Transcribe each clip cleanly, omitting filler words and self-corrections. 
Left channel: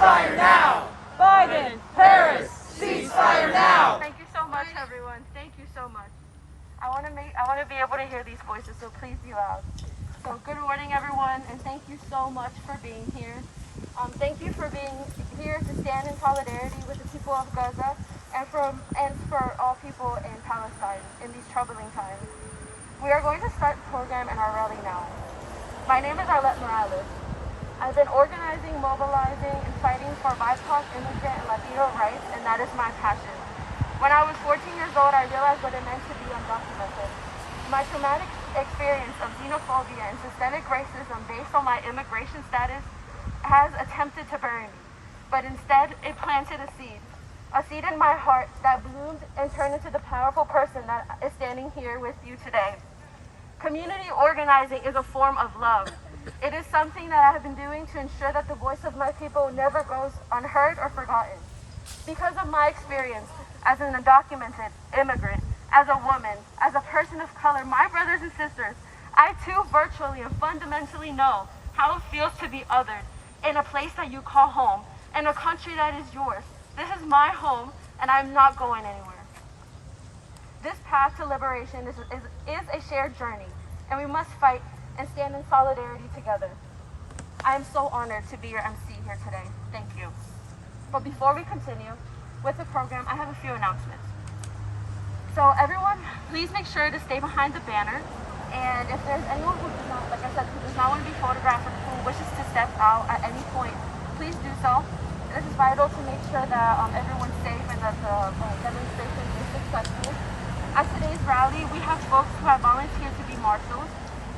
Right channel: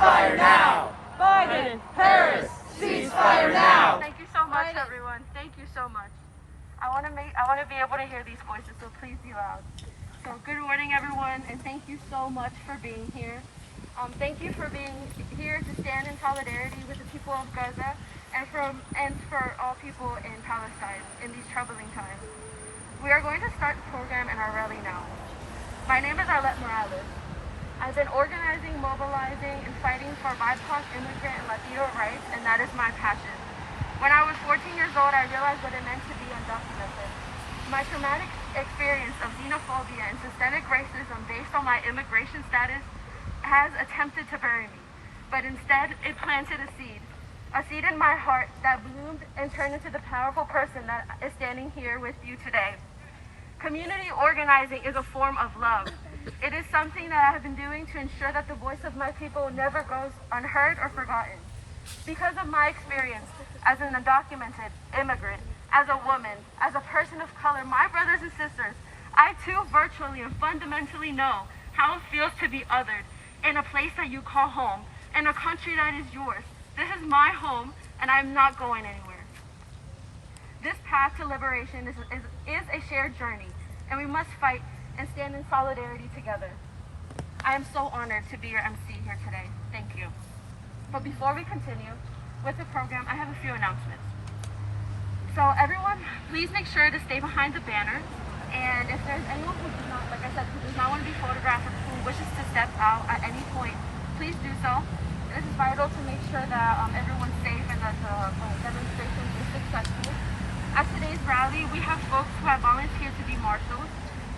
ceasefire now! Biden, Harris, ceasefire now! Thank you so much, everyone. Thank you so much. I want to be able to hear these voices, so please be loud. So good morning, everyone, and thank you so much for being here. Thank you for being here to stand in solidarity with the people of Gaza and for all people in Palestine in these troubling times. We are going to start the program and our rally now. My name is Arlette Morales. I've been organizing, mobilizing, and fighting for BIPOC, immigrant, and Latino rights, and that is my passion. When I was 14 years old, I realized what it meant to be undocumented. My traumatic experience of xenophobia and systemic racism based on my immigration status has attempted to bury me, but instead it planted a seed in my heart that bloomed and turned into the powerful person that is standing here with you today. Community organizing is a form of love. It is something that I have been doing to ensure that the voice of my people never goes unheard or forgotten. Because of my experience as an undocumented immigrant, as a woman, as a person of color, my brothers and sisters, I too virtually and fundamentally know how it feels to be othered in a place that you call home, in a country that is yours. This is my home, and I'm not going anywhere. This path to liberation is a shared journey, and we must fight and stand in solidarity together. I am so honored to be your MC here today. Thank you. But before we continue with the program, I have a few announcements. So everyone, please make sure to stay behind the banner. And if there's anyone who does not, like I said, who does not want to be photographed or who wishes to step out at any point, please do so. This is vital to make sure that everyone's safe and that the demonstration is successful. At today's rally, we have folks who have volunteered to be marshals.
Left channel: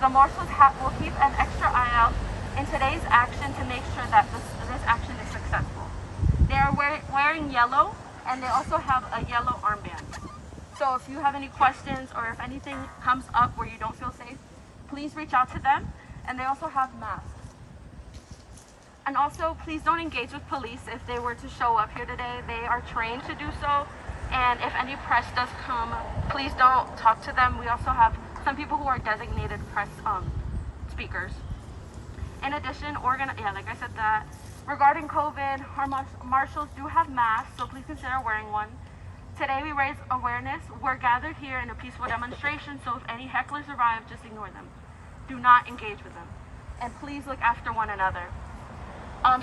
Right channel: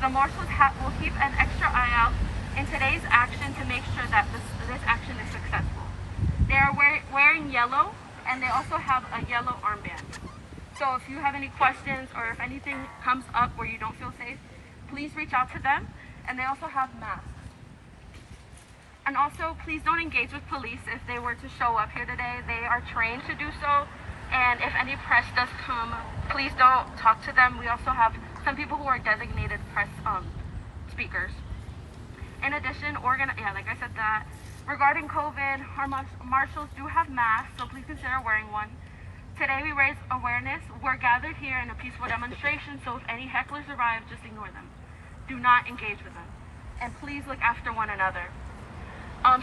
The marshals will keep an extra eye out in today's action to make sure that this action is successful. They are wearing yellow, and they also have a yellow armband. So if you have any questions or if anything comes up where you don't feel safe, please reach out to them. And they also have masks. And also, please don't engage with police if they were to show up here today. They are trained to do so. And if any press does come, please don't talk to them. We also have some people who are designated press speakers. In addition, like I said that, regarding COVID, our marshals do have masks, so please consider wearing one. Today we raise awareness. We're gathered here in a peaceful demonstration, so if any hecklers arrive, just ignore them. Do not engage with them. And please look after one another.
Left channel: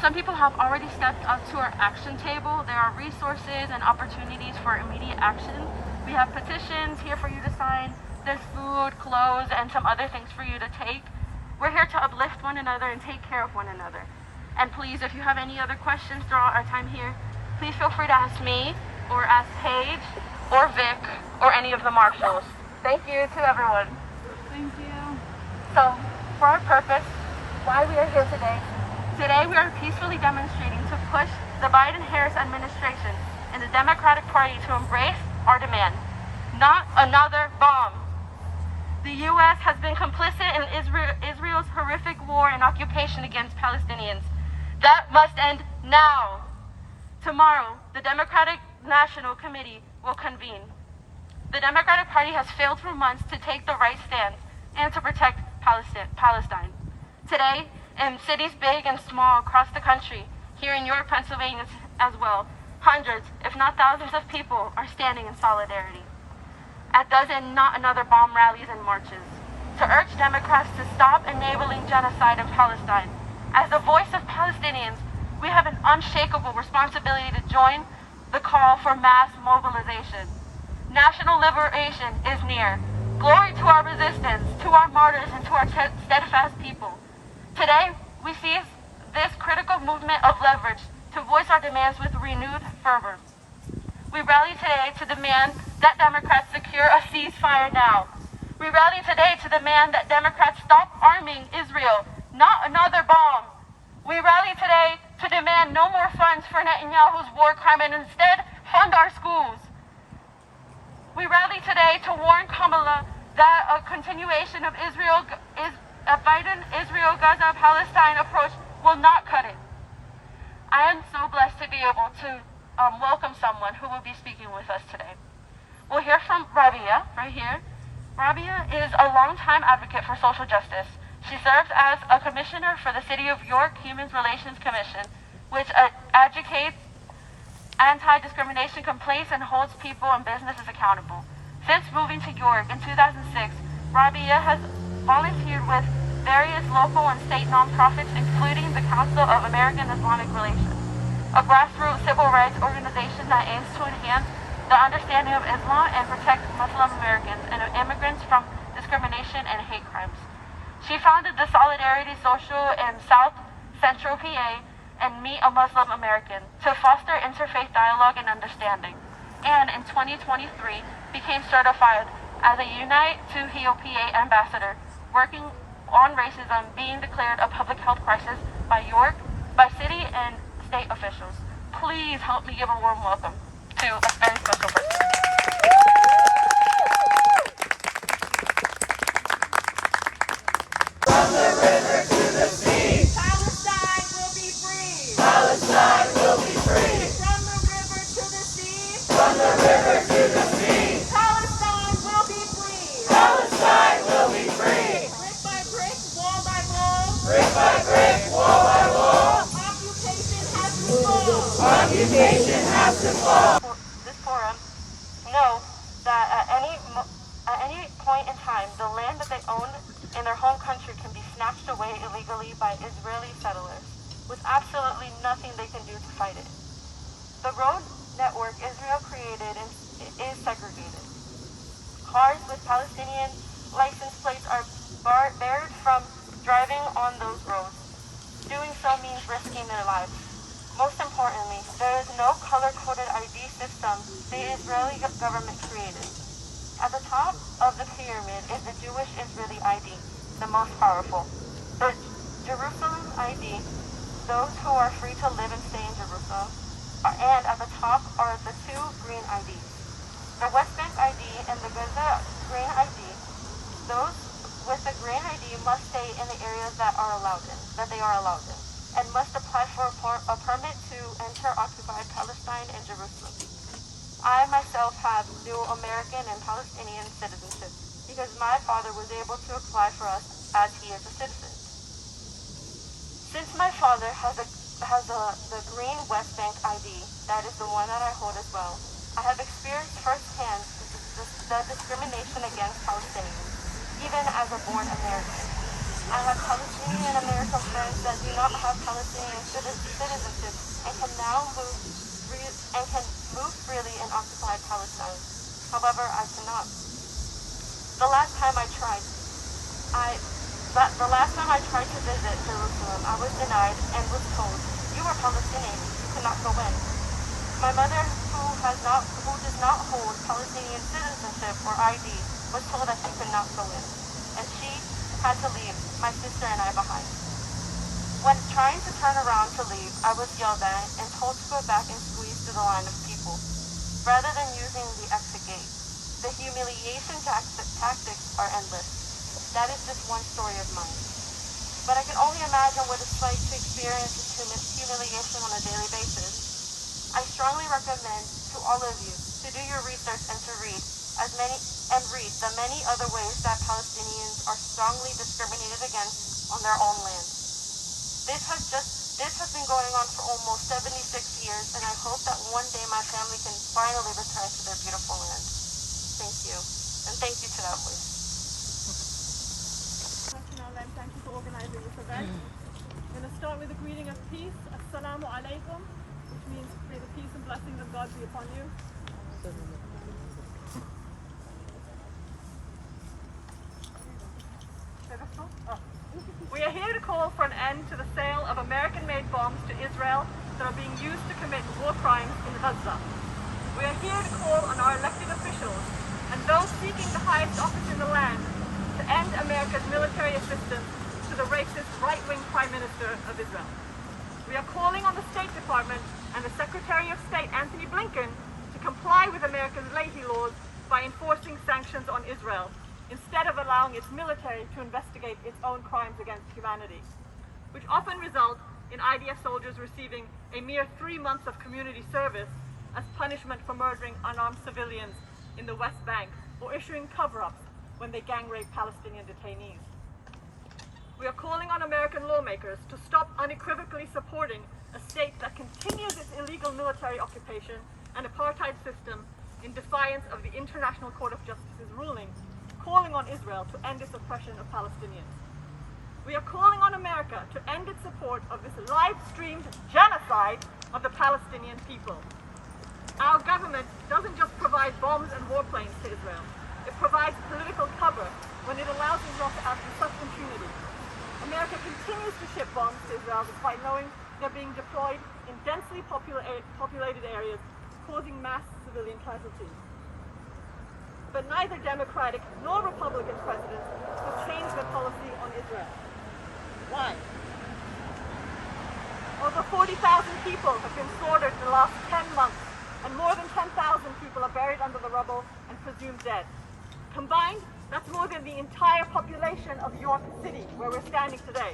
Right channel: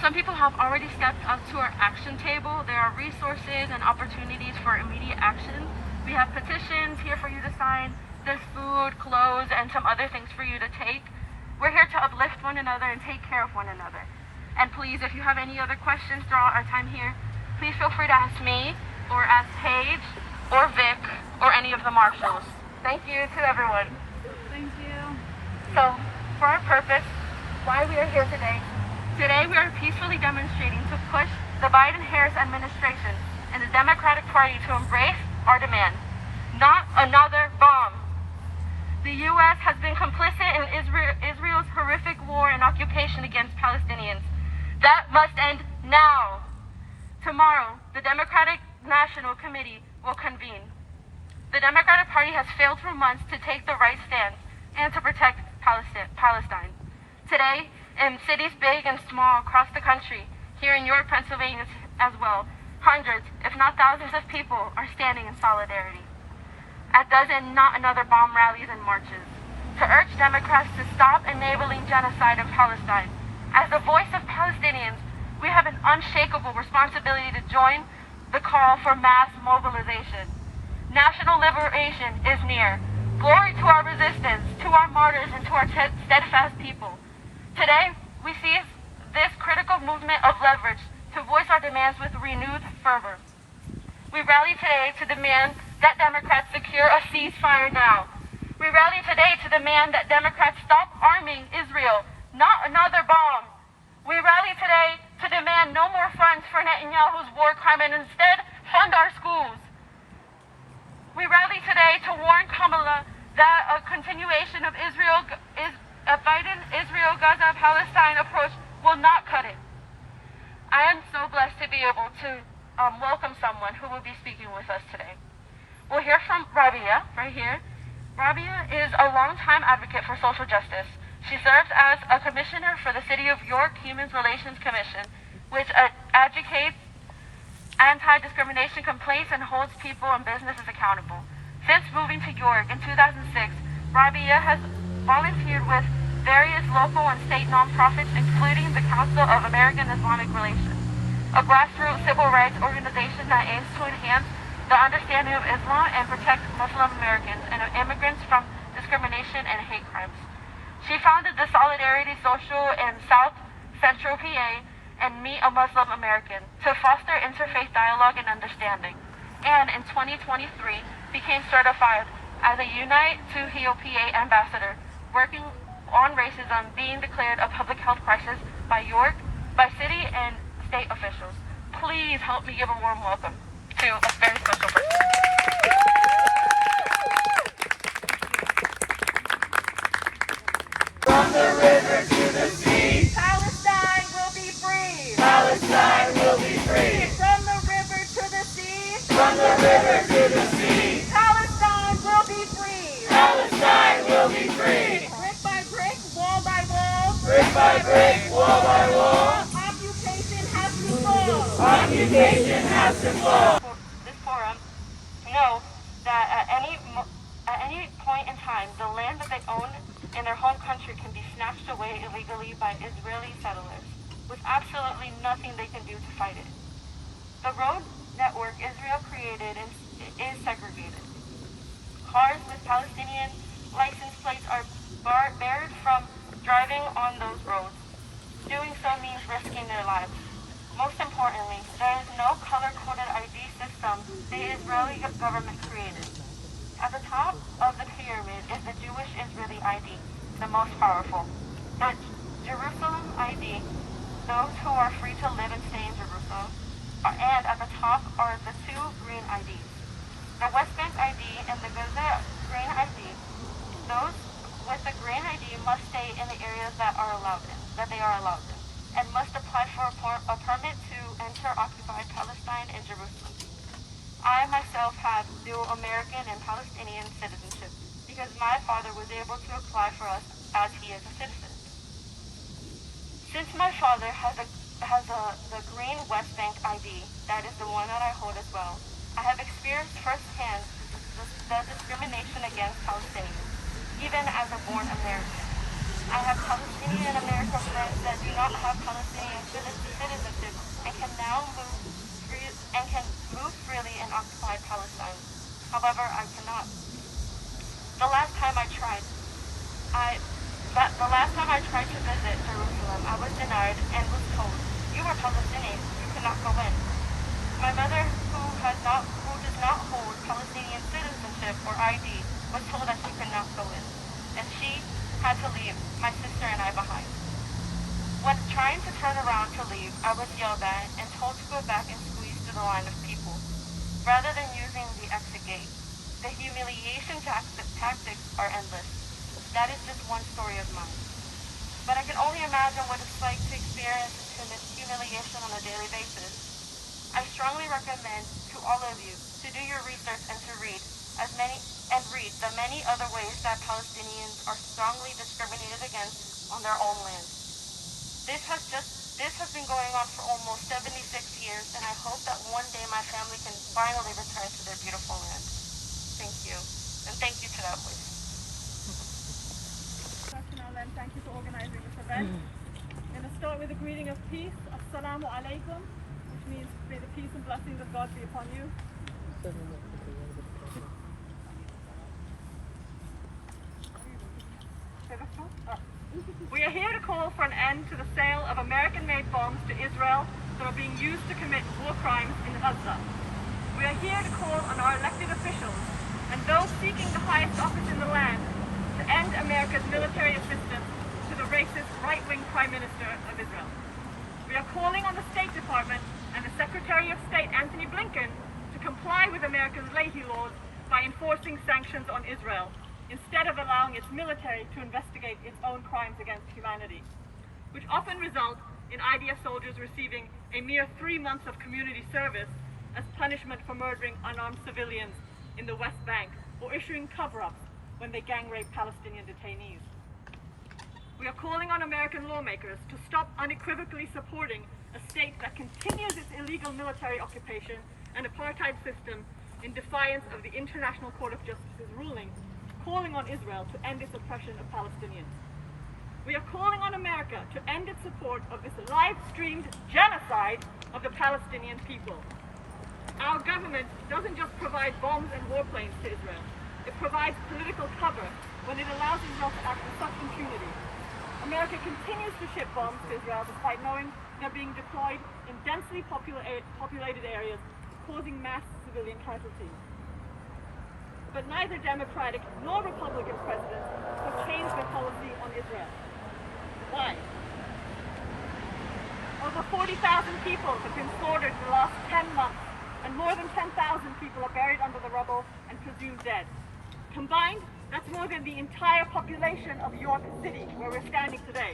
Some people have already stepped up to our action table. There are resources and opportunities for immediate action. We have petitions here for you to sign. There's food, clothes, and some other things for you to take. We're here to uplift one another and take care of one another. And please, if you have any other questions throughout our time here, please feel free to ask me, or ask Paige, or Vic, or any of the marshals. Thank you to everyone. Thank you. So, for our purpose, why we are here today, we are peacefully demonstrating to push the Biden-Harris administration and the Democratic Party to embrace our demand. Not another bomb. The U.S. has been complicit in Israel's horrific war and occupation against Palestinians. That must end now. Tomorrow, the Democratic National Committee will convene. The Democratic Party has failed for months to take the right stance and to protect Palestine. Today, in cities big and small across the country, here in York, Pennsylvania as well, hundreds, if not thousands of people are standing in solidarity. At dozen not another bomb rallies and marches, to urge Democrats to stop enabling genocide in Palestine. As the voice of Palestinians, we have an unshakable responsibility to join the call for mass mobilization. National liberation is near. Glory to our resistance, to our martyrs, and to our steadfast people. Today, we seize this critical movement of leverage to voice our demands with renewed fervor. We rally today to demand that Democrats secure a ceasefire now. We rally today to demand that Democrats stop arming Israel, not another bomb. We rally today to demand no more funds for Netanyahu's war crime and instead fund our schools. We rally today to warn Kamala that a continuation of Biden, Israel, Gaza, Palestine approach will not cut it. I am so blessed to be able to welcome someone who will be speaking with us today. We'll hear from Rabia right here. Rabia is a longtime advocate for social justice. She serves as a commissioner for the City of York Human Relations Commission, which advocates anti-discrimination complaints and holds people and businesses accountable. Since moving to York in 2006, Rabia has volunteered with various local and state nonprofits, including the Council of American Islamic Relations, a grassroots civil rights organization that aims to enhance the understanding of Islam and protect Muslim Americans and immigrants from discrimination and hate crimes. She founded the Solidarity Social in South Central PA and Meet a Muslim American to foster interfaith dialogue and understanding, and in 2023 became certified as a Unite to Heal PA ambassador, working on racism being declared a public health crisis by city and state officials. Please help me give a warm welcome to a very special person. From the river to the sea, Palestine will be free. Palestine will be free. From the river to the sea, From the river to the sea, Palestine will be free. Palestine will be free. Brick by brick, wall by wall, Brick by brick, wall by wall, occupation has to fall. occupation has to fall. This forum know that at any point in time, the land that they own in their home country can be snatched away illegally by Israeli settlers, with absolutely nothing they can do to fight it. The road network Israel created is segregated. Cars with Palestinian license plates are barred from driving on those roads. Doing so means risking their lives. Most importantly, there is no color-coded ID system the Israeli government created. At the top of the pyramid is the Jewish Israeli ID, the most powerful. The Jerusalem ID, those who are free to live and stay in Jerusalem. And at the top are the two green IDs. The West Bank ID and the Gaza green ID. Those with the green ID must stay in the areas that they are allowed in, and must apply for a permit to enter occupied Palestine and Jerusalem. I myself have dual American and Palestinian citizenship because my father was able to apply for us as he is a citizen. Since my father has the green West Bank ID, that is the one that I hold as well, I have experienced firsthand the discrimination against Palestinians, even as a born American. I have Palestinian American friends that do not have Palestinian citizenship and can now move freely in occupied Palestine. However, I cannot. The last time I tried to visit Jerusalem, I was denied and was told, "You are Palestinian, you cannot go in." My mother, who does not hold Palestinian citizenship or ID, was told that she could not go in, and she had to leave my sister and I behind. When trying to turn around to leave, I was yelled at and told to go back and squeeze through the line of people, rather than using the exit gate. The humiliation tactics are endless. That is just one story of mine. But I can only imagine what it's like to experience this humiliation on a daily basis. I strongly recommend to all of you to do your research and to read the many other ways that Palestinians are strongly discriminated against on their own land. This has been going on for almost 76 years, and I hope that one day my family can finally return to their beautiful land. Thank you, and thank you to that voice. And thank you for organizing this event. I'm going to start with a greeting of peace. Assalamu alaikum, which means may the peace and blessings of God be upon you. We are here to call for an end to the sale of American-made bombs to Israel that are being used to commit war crimes in Gaza. We are here to call on our elected officials and those seeking the highest office in the land to end America's military assistance to the racist right-wing Prime Minister of Israel. We are calling on the State Department and the Secretary of State, Anthony Blinken, to comply with America's Leahy laws by enforcing sanctions on Israel, instead of allowing its military to investigate its own crimes against humanity, which often result in IDF soldiers receiving a mere 3 months of community service as punishment for murdering unarmed civilians in the West Bank or issuing cover-ups when they gang rape Palestinian detainees. We are calling on American lawmakers to stop unequivocally supporting a state that continues its illegal military occupation and apartheid system in defiance of the International Court of Justice's ruling, calling on Israel to end its oppression of Palestinians. We are calling on America to end its support of this live-streamed genocide of the Palestinian people. Our government doesn't just provide bombs and warplanes to Israel. It provides political cover when it allows Israel to act with such impunity. America continues to ship bombs to Israel despite knowing they're being deployed in densely populated areas, causing mass civilian casualties. But neither Democratic nor Republican presidents have changed their policy on Israel. Why? Over 40,000 people have been slaughtered in the last 10 months, and more than 10,000 people are buried under the rubble and presumed dead. Combined, that's more than the entire population of York City, where we're standing today.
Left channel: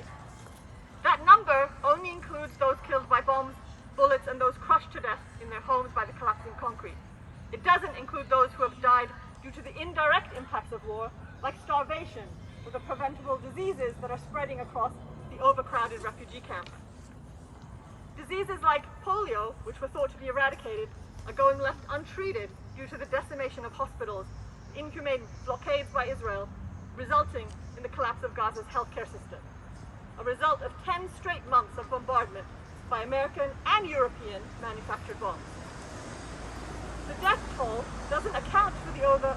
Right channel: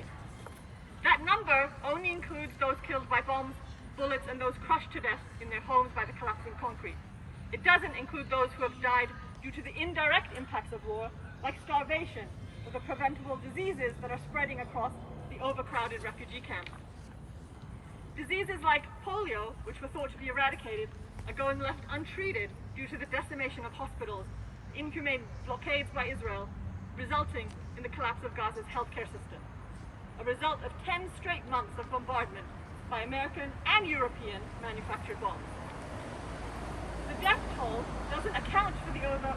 That number only includes those killed by bombs, bullets, and those crushed to death in their homes by the collapsing concrete. It doesn't include those who have died due to the indirect impacts of war, like starvation or the preventable diseases that are spreading across the overcrowded refugee camps. Diseases like polio, which were thought to be eradicated, are going left untreated due to the decimation of hospitals, inhumane blockades by Israel, resulting in the collapse of Gaza's healthcare system, a result of 10 straight months of bombardment by American and European manufactured bombs. The death toll doesn't account for the over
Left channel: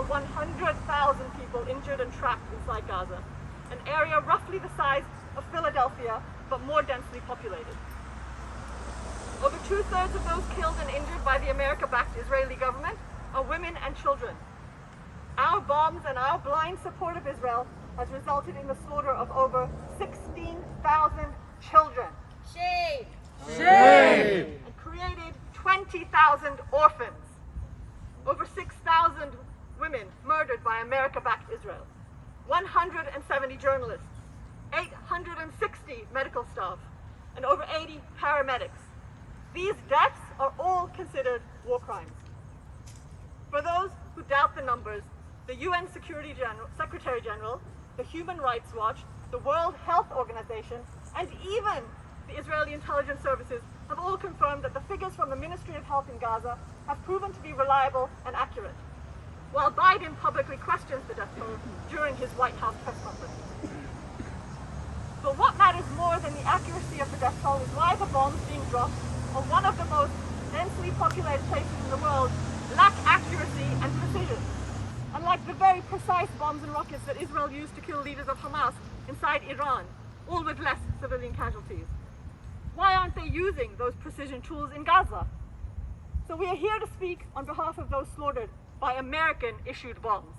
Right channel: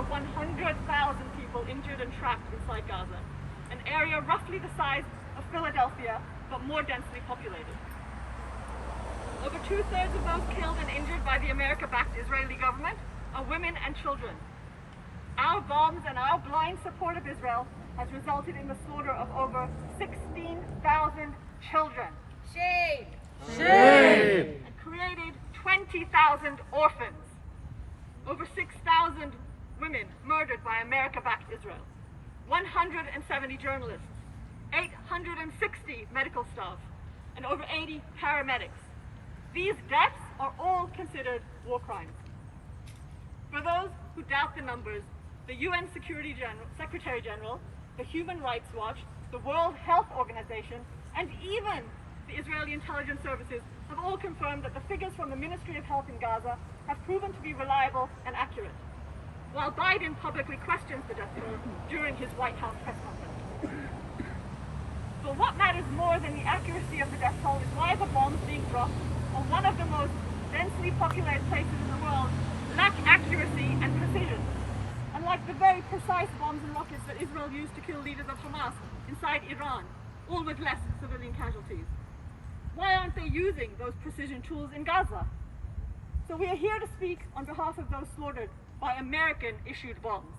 100,000 people injured and trapped inside Gaza, an area roughly the size of Philadelphia, but more densely populated. Over 2/3 of those killed and injured by the America-backed Israeli government are women and children. Our bombs and our blind support of Israel has resulted in the slaughter of over 16,000 children. Shame! Shame! And created 20,000 orphans. Over 6,000 women murdered by America-backed Israel. 170 journalists, 860 medical staff, and over 80 paramedics. These deaths are all considered war crimes. For those who doubt the numbers, the UN Secretary General, the Human Rights Watch, the World Health Organization, and even the Israeli intelligence services have all confirmed that the figures from the Ministry of Health in Gaza have proven to be reliable and accurate, while Biden publicly questions the death toll during his White House press conference. But what matters more than the accuracy of the death toll is why the bombs being dropped on one of the most densely populated places in the world lack accuracy and precision. Unlike the very precise bombs and rockets that Israel used to kill leaders of Hamas inside Iran, all with less civilian casualties. Why aren't they using those precision tools in Gaza? So we are here to speak on behalf of those slaughtered by American-issued bombs.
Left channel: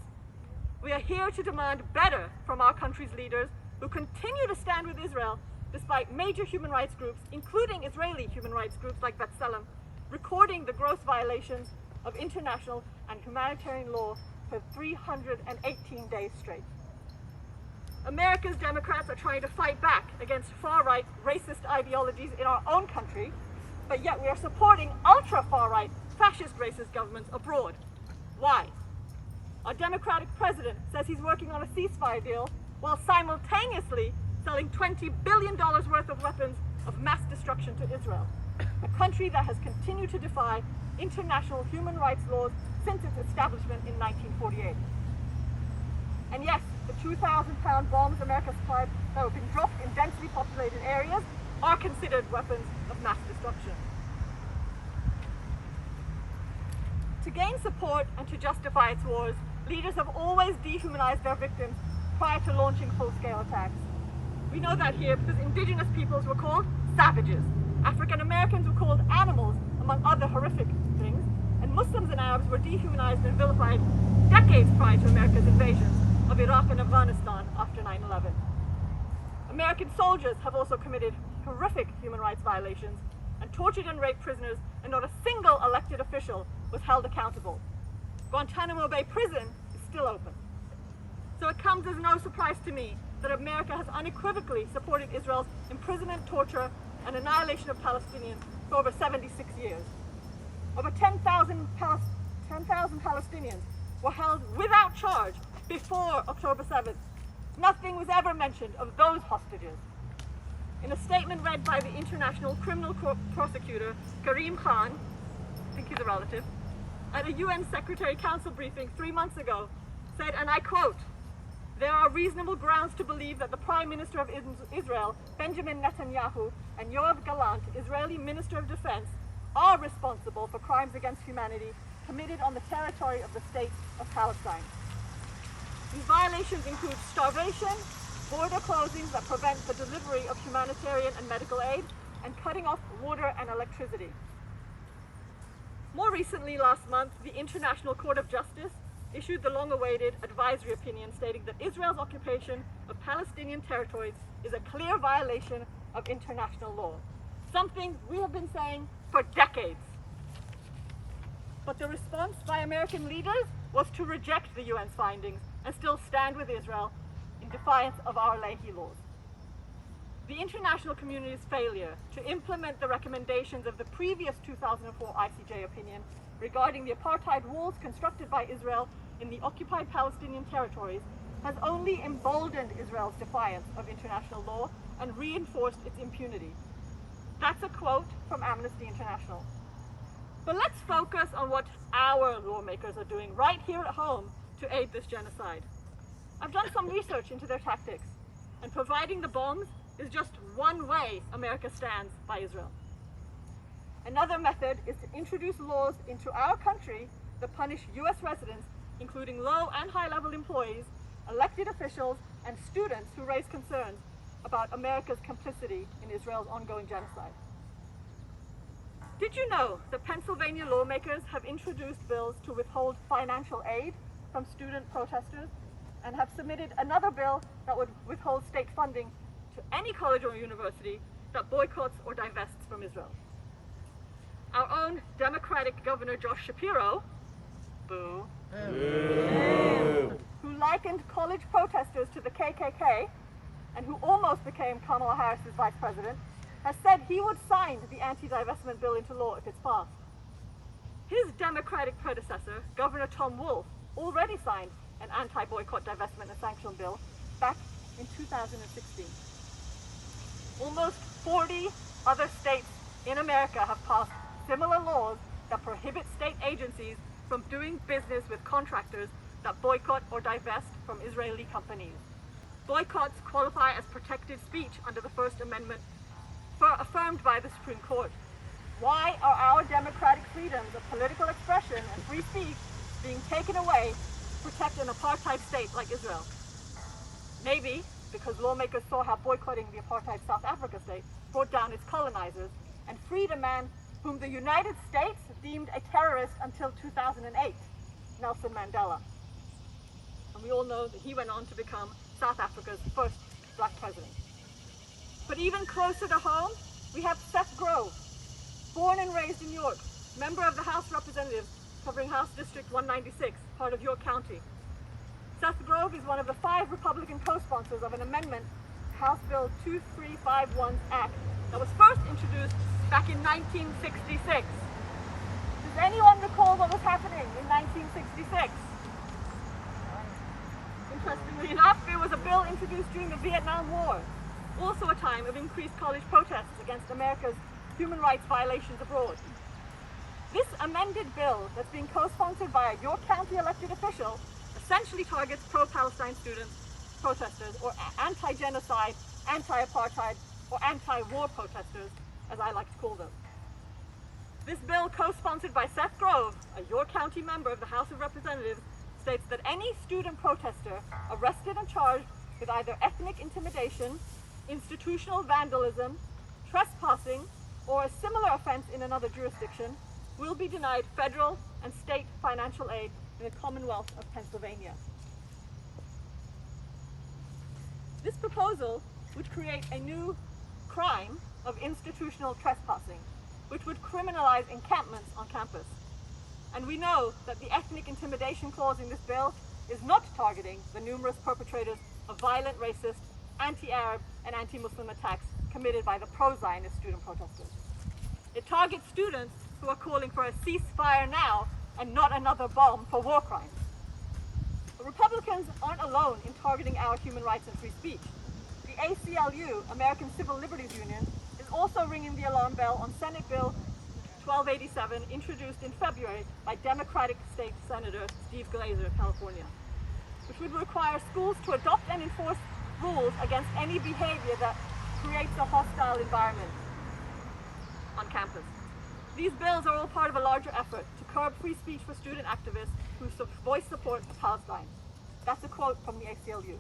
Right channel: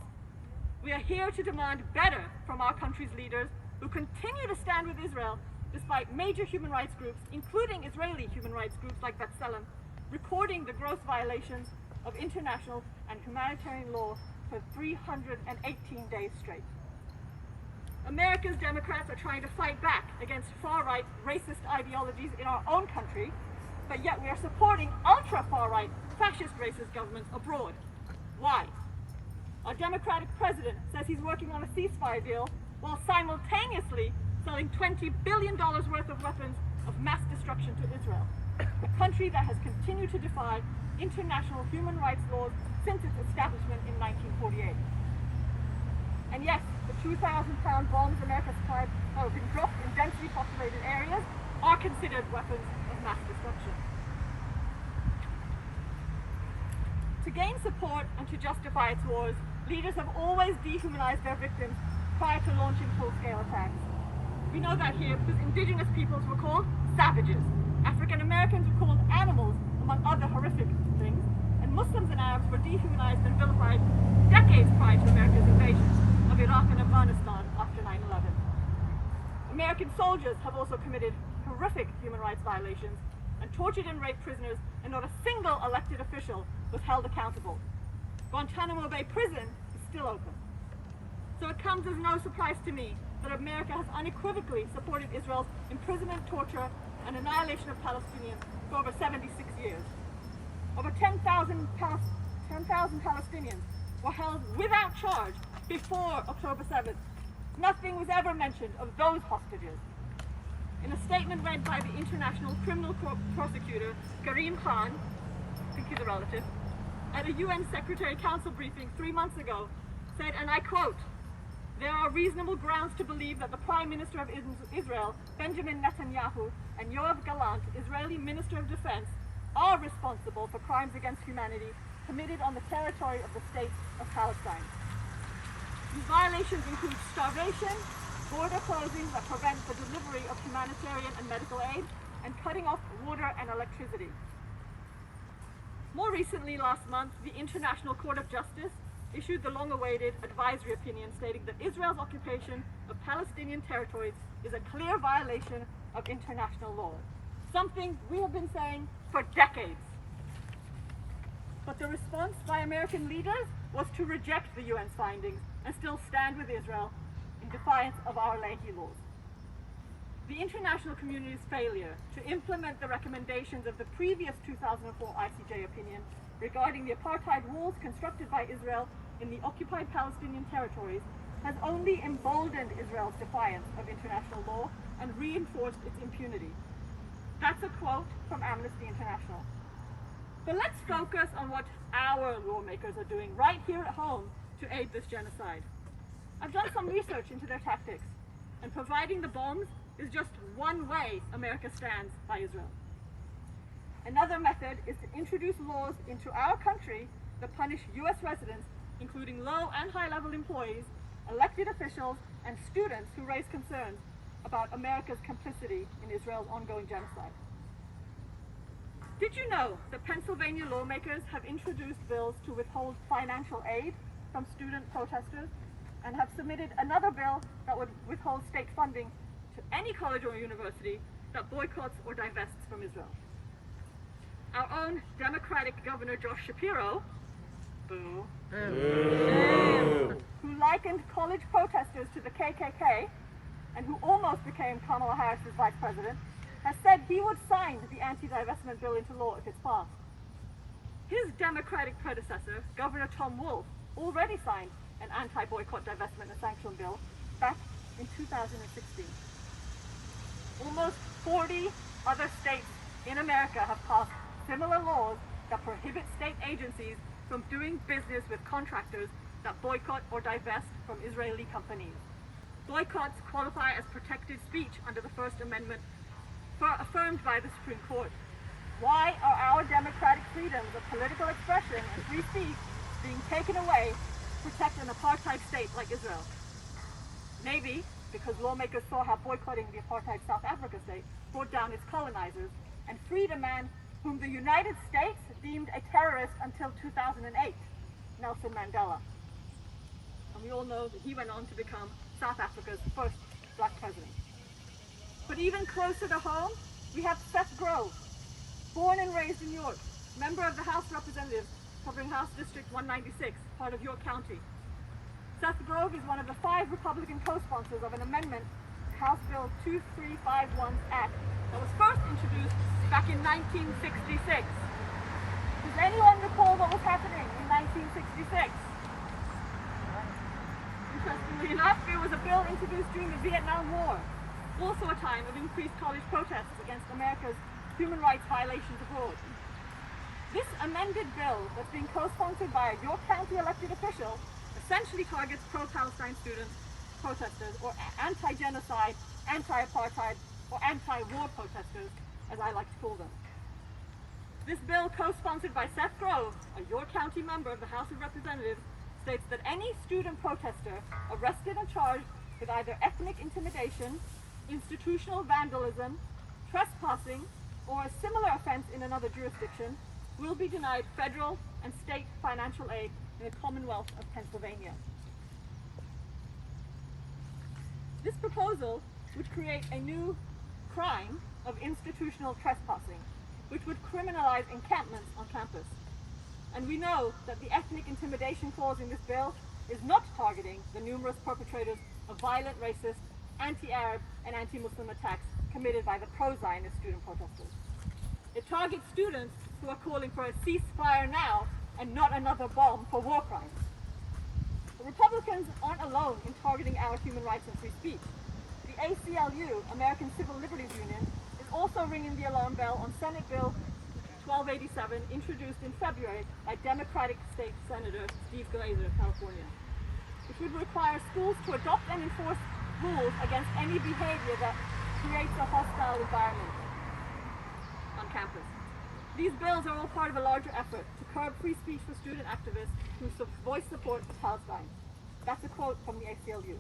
We are here to demand better from our country's leaders who continue to stand with Israel despite major human rights groups, including Israeli human rights groups like B'Tselem, recording the gross violations of international and humanitarian law for 318 days straight. America's Democrats are trying to fight back against far-right racist ideologies in our own country, but yet we are supporting ultra-far-right fascist racist governments abroad. Why? Our Democratic president says he's working on a ceasefire deal while simultaneously selling $20 billion worth of weapons of mass destruction to Israel, a country that has continued to defy international human rights laws since its establishment in 1948. And yes, the 2,000-pound bombs America supplied that have been dropped in densely populated areas are considered weapons of mass destruction. To gain support and to justify its wars, leaders have always dehumanized their victims prior to launching full-scale attacks. We know that here because indigenous peoples were called savages, African Americans were called animals, among other horrific things, and Muslims and Arabs were dehumanized and vilified decades prior to America's invasion of Iraq and Afghanistan after 9/11. American soldiers have also committed horrific human rights violations and tortured and raped prisoners, and not a single elected official was held accountable. Guantanamo Bay Prison is still open. So it comes as no surprise to me that America has unequivocally supported Israel's imprisonment, torture, and annihilation of Palestinians for over 76 years. Over 10,000 Palestinians were held without charge before October 7th, nothing was ever mentioned of those hostages. In a statement read by the International Criminal Prosecutor, Karim Khan, I think he's a relative, at a UN Secretary Council briefing 3 months ago, said, and I quote, "There are reasonable grounds to believe that the Prime Minister of Israel, Benjamin Netanyahu, and Yoav Gallant, Israeli Minister of Defense, are responsible for crimes against humanity committed on the territory of the state of Palestine." These violations include starvation, border closings that prevent the delivery of humanitarian and medical aid, and cutting off water and electricity. More recently, last month, the International Court of Justice issued the long-awaited advisory opinion stating that Israel's occupation of Palestinian territories is a clear violation of international law, something we have been saying for decades. But the response by American leaders was to reject the UN's findings and still stand with Israel in defiance of our Leahy laws. The international community's failure to implement the recommendations of the previous 2004 ICJ opinion regarding the apartheid walls constructed by Israel in the occupied Palestinian territories has only emboldened Israel's defiance of international law and reinforced its impunity. That's a quote from Amnesty International. But let's focus on what our lawmakers are doing right here at home to aid this genocide. I've done some research into their tactics, and providing the bombs is just one way America stands by Israel. Another method is to introduce laws into our country that punish US residents, including low and high-level employees, elected officials, and students who raise concerns about America's complicity in Israel's ongoing genocide. Did you know that Pennsylvania lawmakers have introduced bills to withhold financial aid from student protesters, and have submitted another bill that would withhold state funding to any college or university that boycotts or divests from Israel? Our own Democratic Governor Josh Shapiro, boo, who likened college protesters to the KKK and who almost became Kamala Harris's vice president, has said he would sign the anti-divestment bill into law if it's passed. His Democratic predecessor, Governor Tom Wolf, already signed an anti-boycott, divestment and sanction bill back in 2016. Almost 40 other states in America have passed similar laws that prohibit state agencies from doing business with contractors that boycott or divest from Israeli companies. Boycotts qualify as protected speech under the First Amendment, affirmed by the Supreme Court. Why are our democratic freedoms of political expression and free speech being taken away to protect an apartheid state like Israel? Maybe because lawmakers saw how boycotting the apartheid South Africa state brought down its colonizers and freed a man whom the United States deemed a terrorist until 2008, Nelson Mandela. And we all know that he went on to become South Africa's first black president. But even closer to home, we have Seth Grove, born and raised in York, member of the House of Representatives covering House District 196, part of York County. Seth Grove is one of the 5 Republican co-sponsors of an amendment to House Bill 2351's Act that was first introduced back in 1966. Does anyone recall what was happening in 1966? Interestingly enough, there was a bill introduced during the Vietnam War, also a time of increased college protests against America's human rights violations abroad. This amended bill that's being co-sponsored by a York County elected official essentially targets pro-Palestine students, protesters, or anti-genocide, anti-apartheid, or anti-war protesters, as I like to call them. This bill, co-sponsored by Seth Grove, a York County member of the House of Representatives, states that any student protester arrested and charged with either ethnic intimidation, institutional vandalism, trespassing, or a similar offense in another jurisdiction will be denied federal and state financial aid in the Commonwealth of Pennsylvania. This proposal would create a new crime of institutional trespassing, which would criminalize encampments on campus. And we know that the ethnic intimidation clause in this bill is not targeting the numerous perpetrators of violent racist, anti-Arab, and anti-Muslim attacks committed by the pro-Zionist student protesters. It targets students who are calling for a ceasefire now and not another bomb for war crimes. But Republicans aren't alone in targeting our human rights and free speech. The ACLU, American Civil Liberties Union, is also ringing the alarm bell on Senate Bill 1287, introduced in February by Democratic State Senator Steve Glazer of California, which would require schools to adopt and enforce rules against any behavior that creates a hostile environment on campus. These bills are all part of a larger effort to curb free speech for student activists who voice support for Palestine. That's a quote from the ACLU.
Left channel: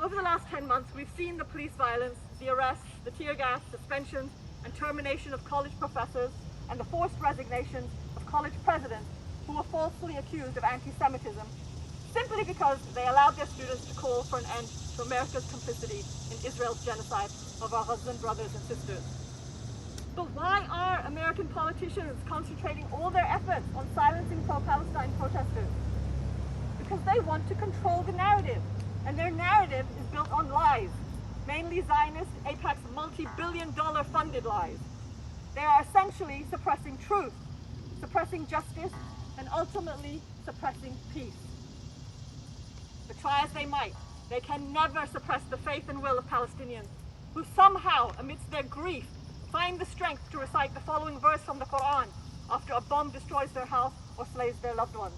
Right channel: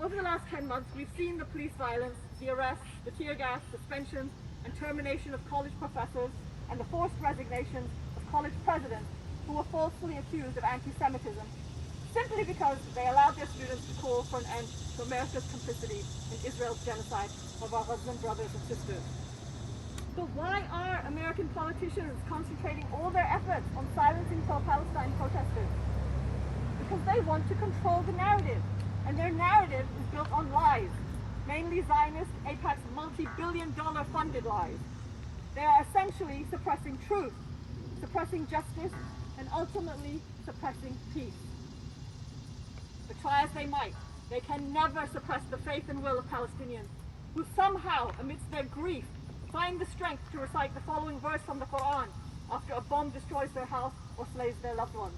Over the last 10 months, we've seen the police violence, the arrests, the tear gas, suspensions, and termination of college professors, and the forced resignations of college presidents who were falsely accused of anti-Semitism simply because they allowed their students to call for an end to America's complicity in Israel's genocide of our Muslim brothers and sisters. But why are American politicians concentrating all their efforts on silencing pro-Palestine protesters? Because they want to control the narrative, and their narrative is built on lies, mainly Zionist, AIPAC's multi-billion-dollar funded lies. They are essentially suppressing truth, suppressing justice, and ultimately suppressing peace. But try as they might, they can never suppress the faith and will of Palestinians, who somehow, amidst their grief, find the strength to recite the following verse from the Quran after a bomb destroys their house or slays their loved ones.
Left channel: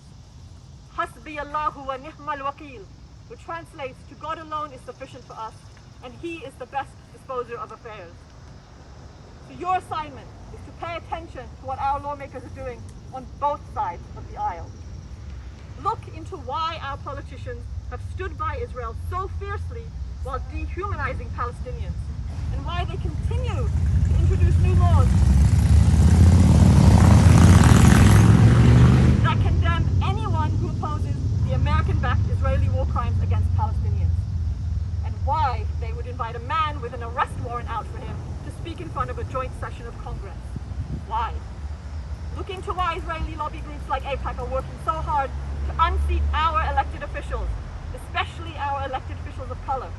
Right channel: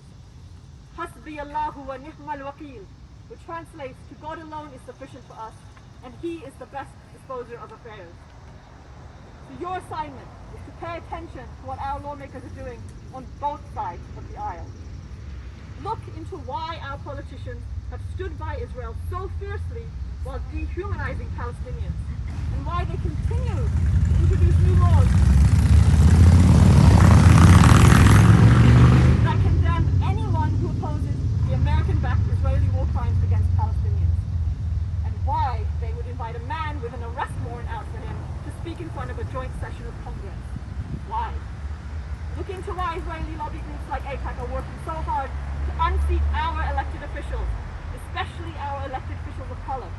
Hasbi Allahu wa ni'mal wakil, which translates to God alone is sufficient for us, and He is the best disposer of affairs. So your assignment is to pay attention to what our lawmakers are doing on both sides of the aisle. Look into why our politicians have stood by Israel so fiercely while dehumanizing Palestinians, and why they continue to introduce new laws that condemn anyone who opposes the American-backed Israeli war crimes against Palestinians, and why they would invite a man with an arrest warrant out for him to speak in front of a joint session of Congress. Why? Look into why Israeli lobby groups like AIPAC are working so hard to unseat our elected officials, especially our elected officials of color,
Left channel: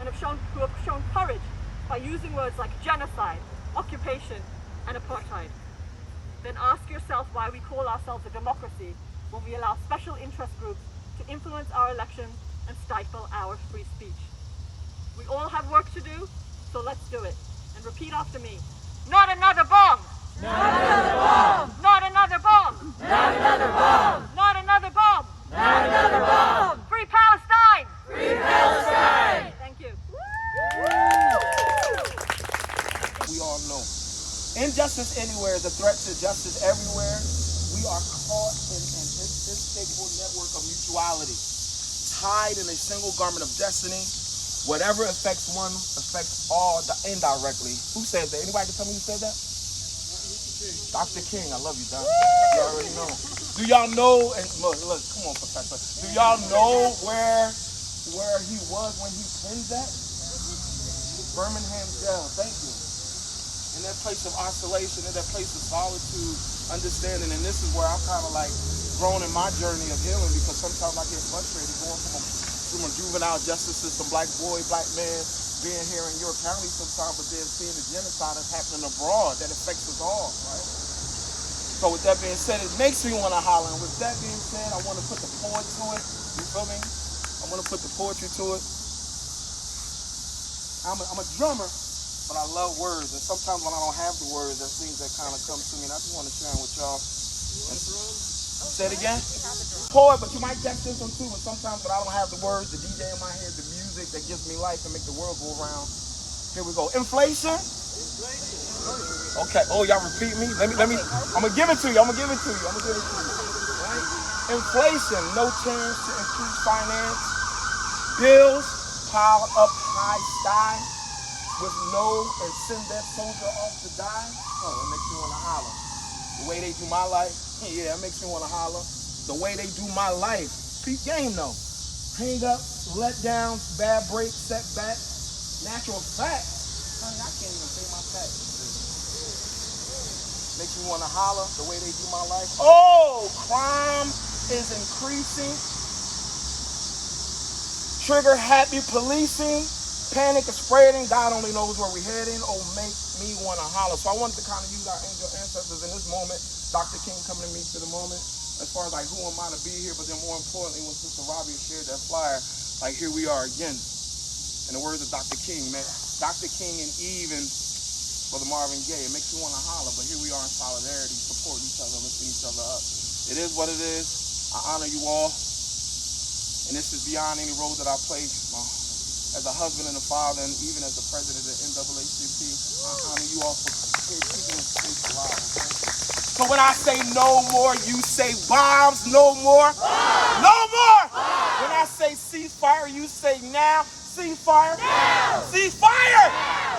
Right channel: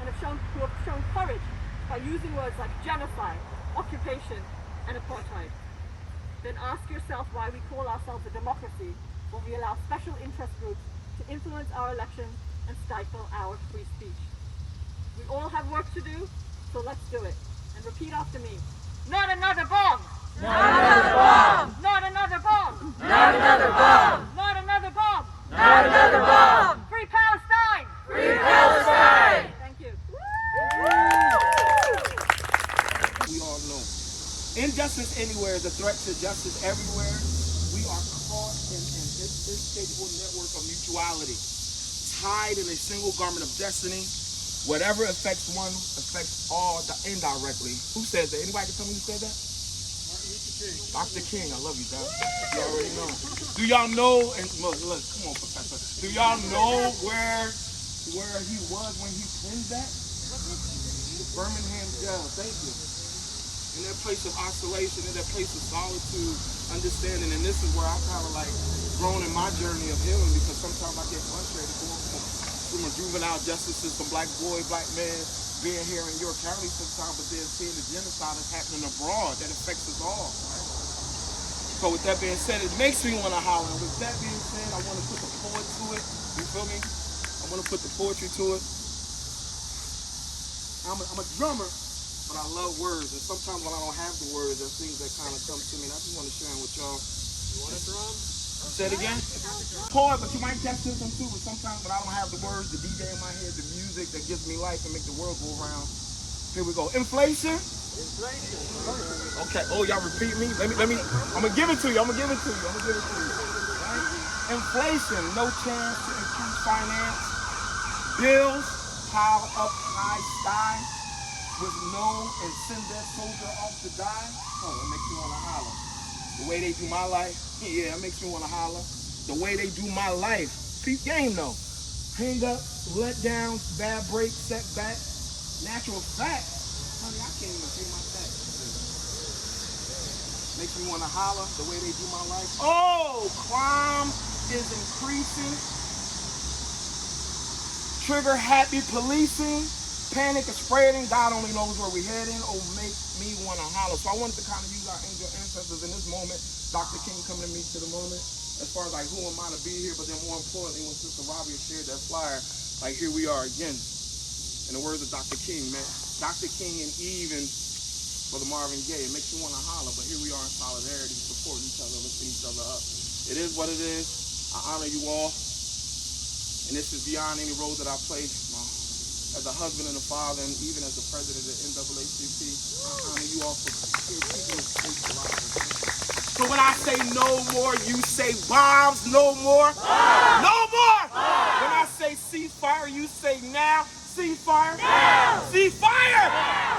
and who have shown courage by using words like genocide, occupation, and apartheid. Then ask yourself why we call ourselves a democracy when we allow special interest groups to influence our elections and stifle our free speech. We all have work to do, so let's do it. And repeat after me. Not another bomb! Not another bomb! Not another bomb! Not another bomb! Not another bomb! Not another bomb! Free Palestine! Free Palestine! Thank you. We all know injustice anywhere is a threat to justice everywhere. We are caught in an inescapable network of mutuality, tied in a single garment of destiny. Whatever affects one affects all indirectly. Who says that? Anybody can tell me who said that? Dr. King, I love you, John. You already know. Do y'all know, and look, come on, Professor. Do y'all know where he was when he penned that? Birmingham jail, thank you. In that place of isolation, in that place of solitude, understanding, and this is where I'm kind of like grown in my journey of healing, because sometimes I get frustrated going from a juvenile justice system, black boy, black man, being here in Europe County sometimes, but then seeing the genocide that's happening abroad that affects us all, right? So with that being said, it makes me want to holler. And with that being said, I want to put the poet to it. You feel me? I want to put the poetry to it. I'm a drummer, but I love words. And sometimes when I don't have the words, there's things that kind of come to me. And I just want to share them with y'all. You want to drum? Say it again? Poet, but you might catch this one too. But sometimes when I don't have the words, the DJ in my head, the music that gives me life and make the world go around. Here we go. Inflation? Okay. Oh, y'all repeat me? Let me. I'm gonna give it to you. Inflation, no chance to increase finance. Bills pile up high sky with no and send that soldier off to die. Oh, it makes me wanna holler. The way they do my life, yeah, it makes me wanna holler. The way they do my life, peep game though. Hang up, let down, bad break, setback. Natural fact, honey, I can't even pay my taxes. Makes me wanna holler, the way they do my life. Oh, crime is increasing. Trigger happy policing. Panic is spreading. God only knows where we're heading. Oh, make me want to holler. So I wanted to kind of use our angel ancestors in this moment. Dr. King coming to me to the moment. as far as like who am I to be here, but then more importantly, when Sister Robbie shared that flyer, like here we are again. In the words of Dr. King, man, Dr. King and even Brother Marvin Gaye, it makes you want to holler, but here we are in solidarity, supporting each other, lifting each other up. It is what it is. I honor you all, and this is beyond any role that I play as a husband and a father, and even as the president of the NAACP. I honor you all for keeping this space alive. Okay? So when I say no more, you say bombs, no more. Bombs. No more. Bombs. When I say ceasefire, you say now. Ceasefire. Now. Ceasefire. Now.